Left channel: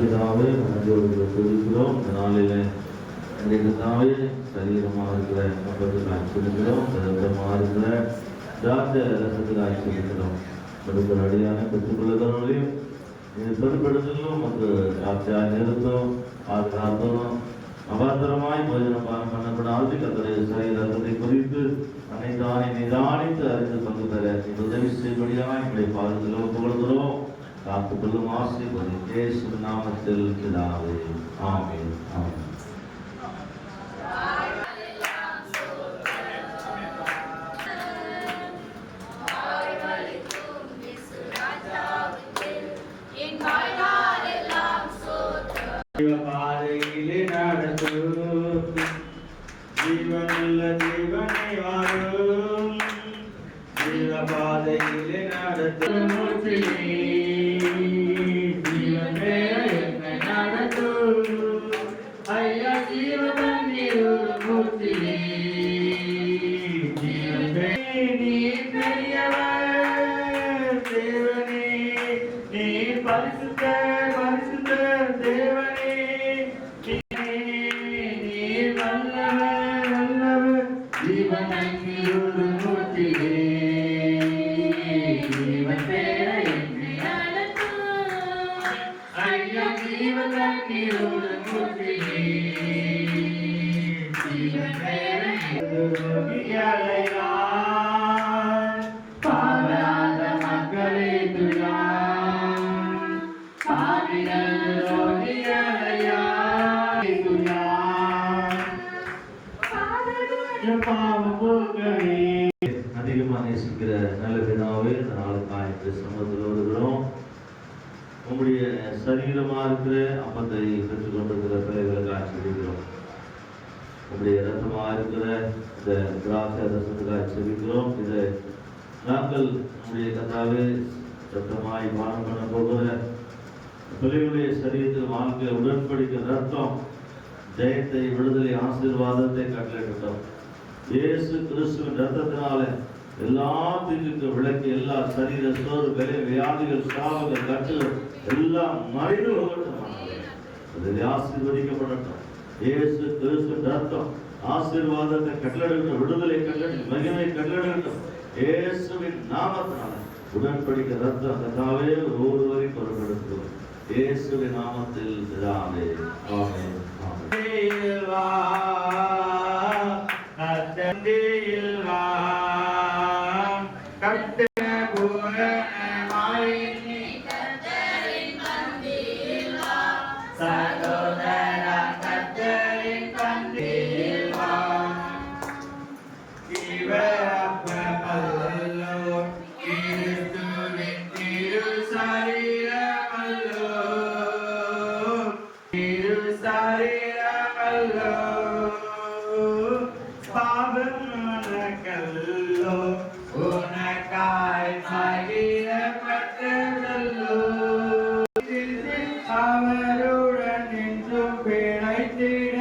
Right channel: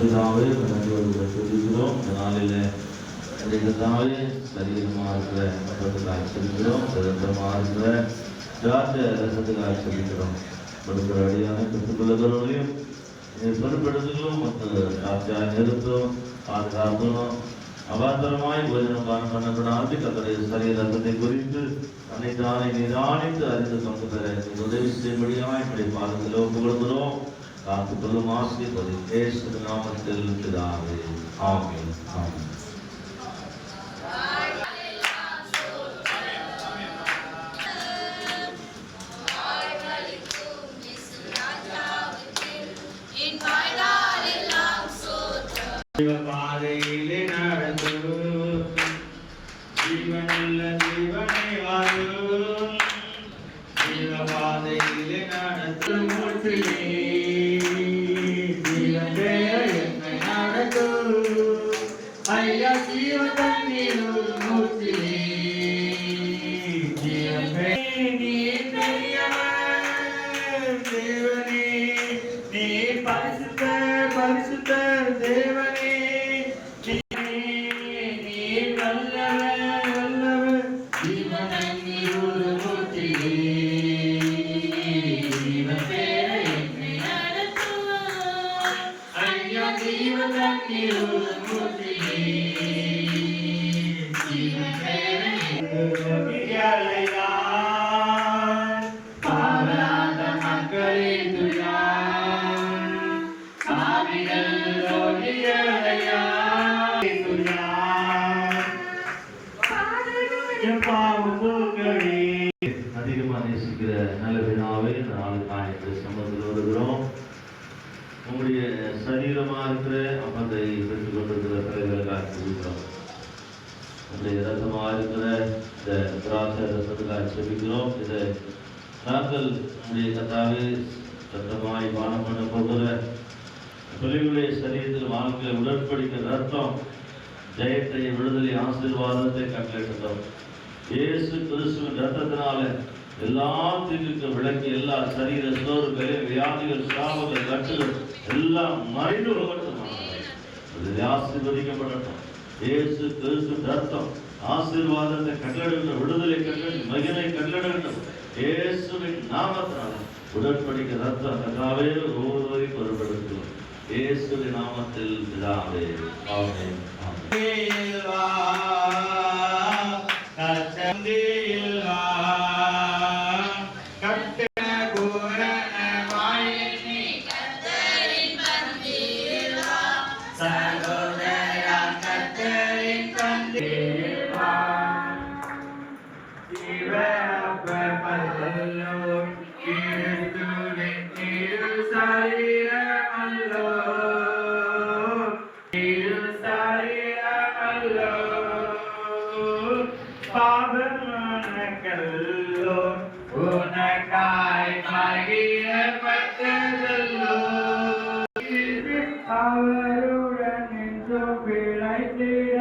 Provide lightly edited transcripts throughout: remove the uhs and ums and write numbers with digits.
பிதாவே நன்றியோடு துதிக்கிறோம். இந்த நாளிலே கர்த்தாவே சரீரமாக இருக்கிற மக்களுக்கு ஆச்சரிக்கிறோம், ரத்தமாக இருக்கிற திராட்சை ரசத்துக்கு ஆச்சரிக்கிறோம். கொடுக்கிற அடியான பெற்றுக்கொள்ளுகிறவர்களையும் பொறுப்படுத்தலும் மற்றும் சாட்சியாக நிறுத்தணும், பாதுகாக்கணும். அபாத்திரமாய் போஜனபானம் பண்ணப்படாது தன்னுடைய சரீரத்தை குறித்து அனைத்தானை நிதானித்து அறிந்து கொண்டு பெற உதவி செய்யும்படியாக இப்படி பாதத்தில் ஒப்புக்கொள்கிறோம். காத்துக்கொள்ளும் ஆசீர்வதி இயேசு நாமத்தில் பிதாவே. ஆமென். ஆமென். பாதையிலே நடந்து ஜீவனுள்ள ஜீவனை வாழும் ஜீவ பாதையிலே நடந்து மூர்த்தியே ஜீவன் என்னை நடக்கும் ஐயா ஜீவன் நீர் மூர்த்தியே ஜீவன் நீ பெரியவர் தேவனே நீ பரிசுத்தர் பரிசுத்தர் தேவனே அதிகமாக நேசிக்கிற நல்ல நாளுக்கு சமூகத்தில் வருகிறோம். உங்களுடைய சரீரமாக இருக்கிற அப்பத்தை பெற்றுக் கொண்டிருக்கிற பிள்ளைகளுக்கு ஆட்சிக்கிறோம். உங்களுடைய ரசமாக இருக்கிற இந்த திராட்சை ரசத்துக்கு ஆட்சிக்கிறோம். இதை நாங்கள் உங்களுடைய கத்தாவே ரத்தமாய் பானம் பண்ண போகிற பிள்ளைகளுடைய சரீரத்தில் வாழ்க்கை உடன்படிக்கிற ரத்தம் ஜெயத்தை விடுதலை ஆசீர்வாதத்தை கட்டளிட்டோம். இயேசு கிறிஸ்துவின் ரத்தத்தினால எல்லா தீங்குக்கு விளக்கி எல்லா சரீர சோறுகளையும் வியாதிகள் சாவுகள் கட்டுகள் எல்லாம் மறைந்து இதில் ஆசீர்வதிக்கப்படட்டும். இயேசு கிறிஸ்து ரத்தம் ஆசீர்வாதத்தை கட்டளிடட்டும், விடுதலை கட்டளிடும், மகிமை கட்டளிடட்டும். இயேசுவின் நாமத்தினால உடன்படிக்கை ரத்தம் கட்டாவே ஒவ்வொருவரை பொருட்படுத்துவோம். இயேசுவின் நாமத்தில் பிதாவே. ஆமென். அவருடன் நின்றும் பிழைத்திட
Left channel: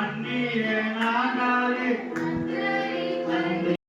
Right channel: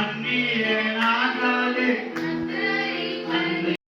அந்நிய